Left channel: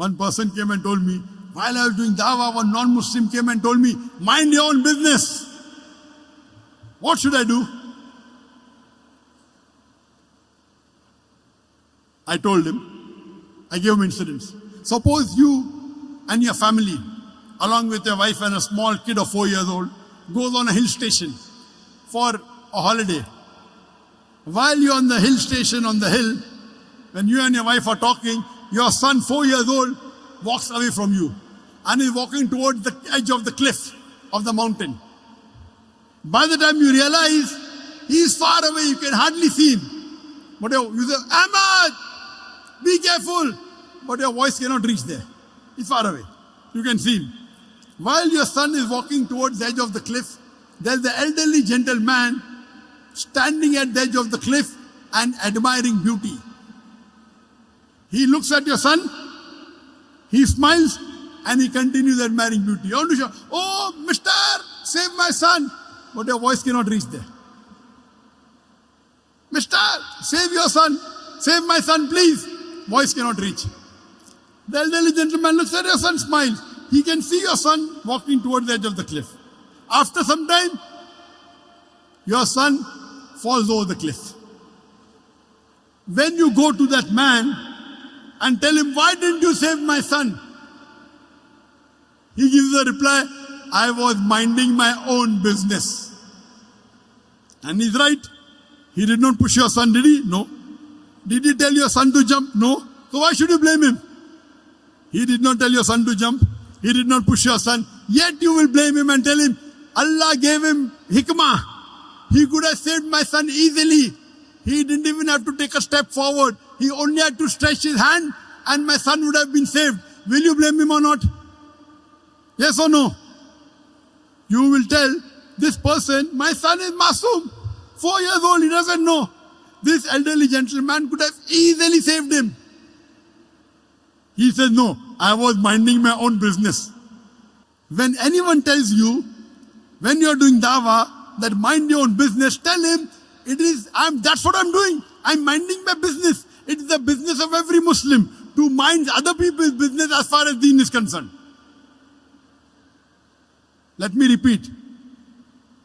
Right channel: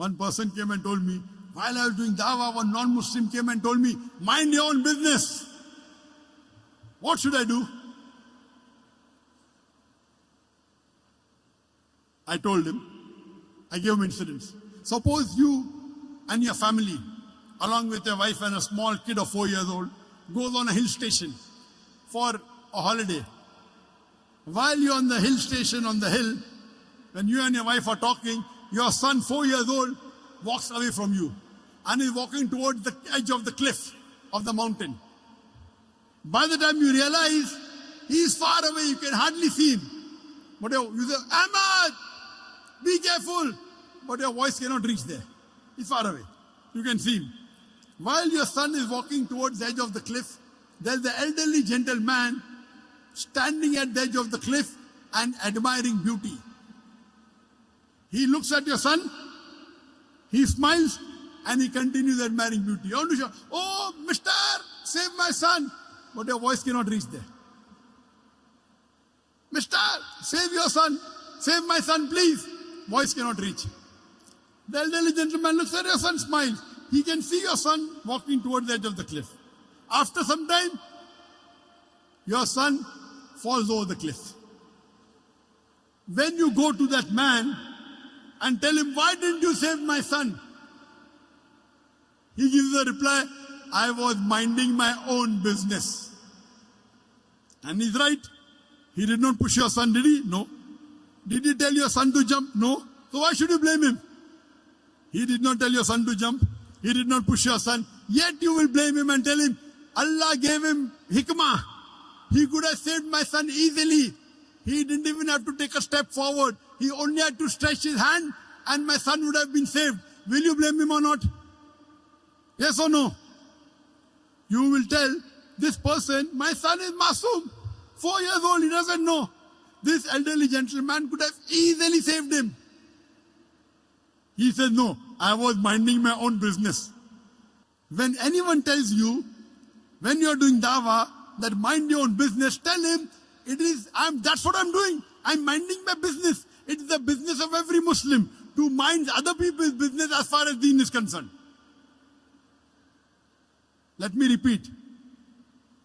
One person came and told me, while I was doing dawah, one non-Muslim came and told me, mind your own business. What should I do? I told him, I gave him incidents. Suppose you and your family, along with your wife and a small kid of 4 years old, goes on a hill station for a holiday. While you're on the hill station, on the hill, when you and your wife are talking, your son, 4 years old, walks away from you and is walking towards the edge of the cliff of the mountain. By the time you realize, he is far away, you can hardly see him. But you say, Ahmad, be careful. But your voice cannot reach there. He's far away. You can see him. While your son is walking towards the edge of the cliff, there's the elderly gentleman standing at the edge of the cliff and admiring beauty. He looks at your son, he smiles, and he continues admiring beauty. You want to shout, oh, mister, save my son. But your voice cannot reach there. Mister, save your son. Save my son, please. Voice cannot reach. The elderly gentleman looks at your son, smiles. He can see your son walking towards the edge of the cliff. After some time, your son falls over the cliff. When you go to that man and tell him, why didn't you save my son? He gives a reply, I was minding my own business. And he's right. He did not push your son, did he? No. Did he tell your son to jump? No. So why should you blame him? He did not tell your son to jump. He did not push your son. Yet you will blame him and tell him, Allah gave him hikmah. He could have saved my son easily. He didn't even have to take a step forward. He only had to stretch his hand and my son would have been saved. Will you blame him or not? Yes or no? You will tell this person, my son is masoom. 4 years old, he doesn't know. This elderly gentleman could have easily saved him. He says, no, I was minding my own business. When anyone tells you, when you're doing dawah, that mind your own business, tell him, that's what I'm doing. I'm minding my business. It is the business of every Muslim to mind other people's business as far as deen is concerned. Let me repeat.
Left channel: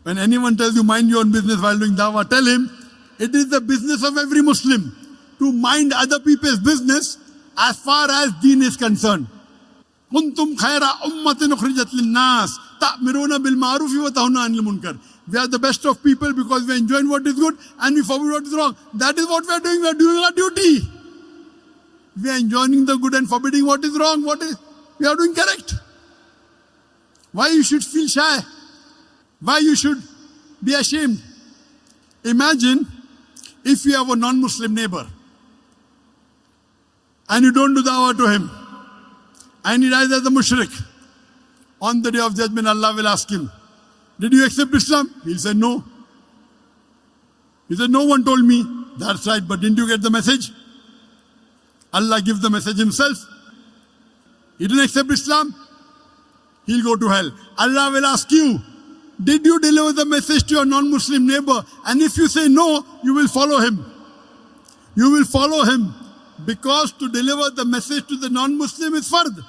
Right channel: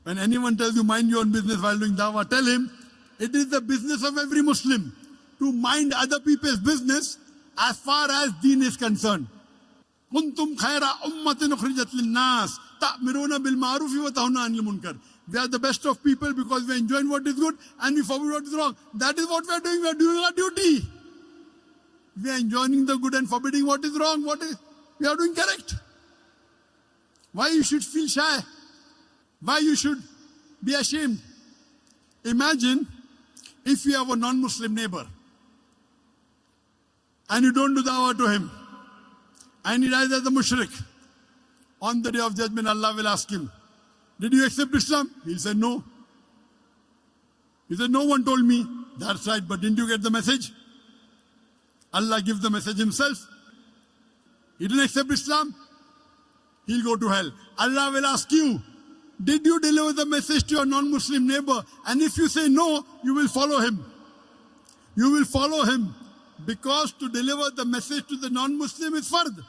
When anyone tells you mind your own business while doing dawah, tell him, it is the business of every Muslim to mind other people's business as far as deen is concerned. كنتم خير أمة أخرجت للناس تأمرون بالمعروف وتنهون عن المنكر. We are the best of people because we are enjoying what is good and we forbid what is wrong. That is what we are doing. We are doing our duty. We are enjoying the good and forbidding what is wrong. We are doing correct. Why you should feel shy? Why you should be ashamed? Imagine if you have a non-Muslim neighbor and you don't do dawah to him and he dies as a mushrik. On the day of judgment, Allah will ask him, did you accept Islam? He said, no. He said, no one told me. That's right, but didn't you get the message? Allah gives the message himself. He didn't accept Islam. He'll go to hell. Allah will ask you, did you deliver the message to your non-Muslim neighbor? And if you say no, you will follow him. You will follow him because to deliver the message to the non-Muslim is fard.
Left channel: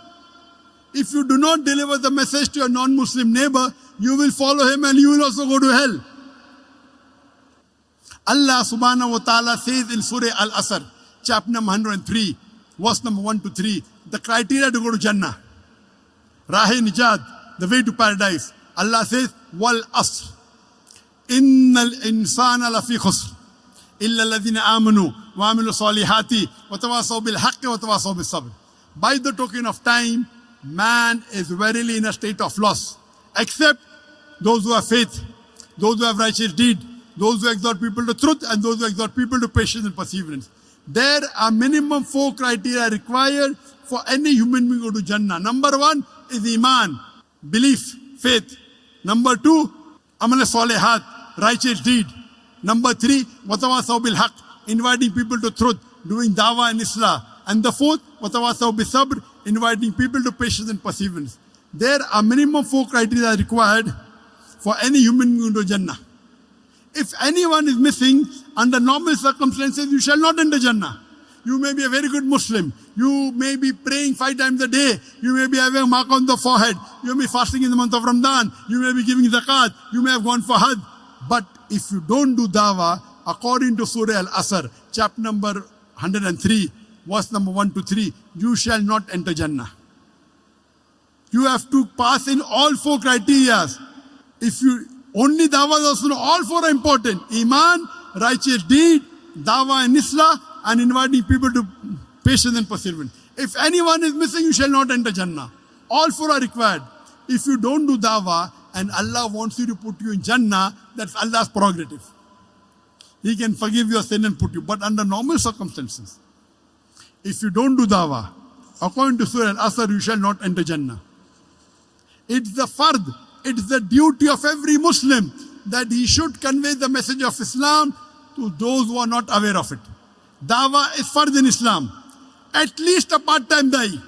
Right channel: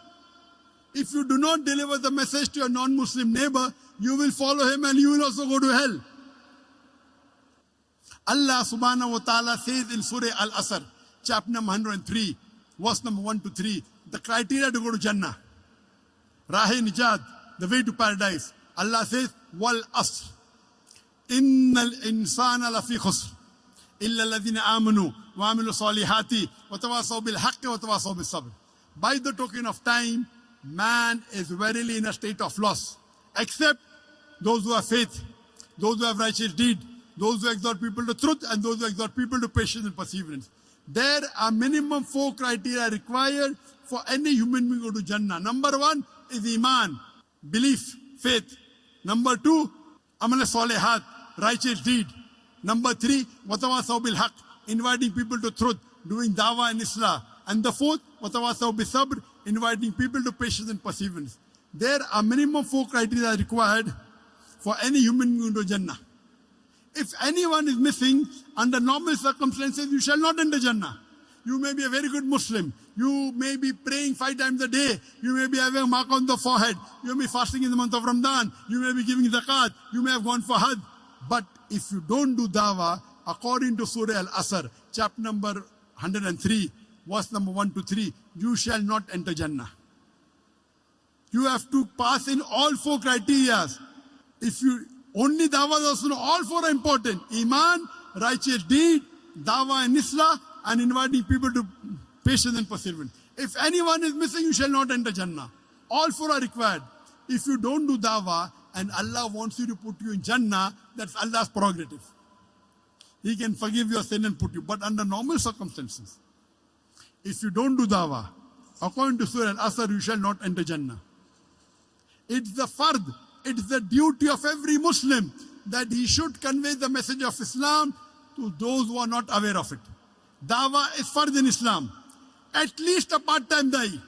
If you do not deliver the message to your non-Muslim neighbor, you will follow him and you will also go to hell. Allah subhanahu wa ta'ala says in Surah Al-Asr, chapter number 103, verse number 1 to 3, the criteria to go to Jannah. Rahe Nijat, the way to paradise. Allah says, Wal Asr. Innal insana lafi khusr. Illa alladhina amanu wa amilu salihati wa tawasaw bil haqqi wa tawasaw bis sabr. By the token of time, man is verily in a state of loss. Except those who have faith, those who have righteous deed, those who exhort people to truth, and those who exhort people to patience and perseverance. There are minimum 4 criteria required for any human being to go to Jannah. Number 1 is Iman, belief, faith. Number 2, Amal Salihat, righteous deed. Number 3, Watawasaw bil Haq, inviting people to truth, doing dawah and islah. And the 4th, Watawasaw bis Sabr, inviting people to patience and perseverance. There are minimum 4 criteria required for any human being to Jannah. If anyone is missing, under normal circumstances, you shall not enter Jannah. You may be a very good Muslim. You may be praying 5 times a day. You may be having a mark on the forehead. You may be fasting in the month of Ramadan. You may be giving zakat. You may have gone for Hajj. But if you don't do dawah, according to Surah Al-Asr, chapter number 103, verse number 1 to 3, you shall not enter Jannah. You have to pass in all 4 criteria. If you only dawah, also all 4 are important. Iman, righteous deed, dawah and islah, and inviting people to patience and perseverance. If anyone is missing, you shall not enter Jannah. All 4 are required. If you don't do dawah and Allah wants you to put you in Jannah, that's Allah's prerogative. He can forgive your sin and put you. But under normal circumstances, if you don't do dawah, according to Surah Al-Asr, you shall not enter Jannah. It's the fard, it's the duty of every Muslim that he should convey the message of Islam to those who are not aware of it. Dawah is fard in Islam. At least a part-time da'i.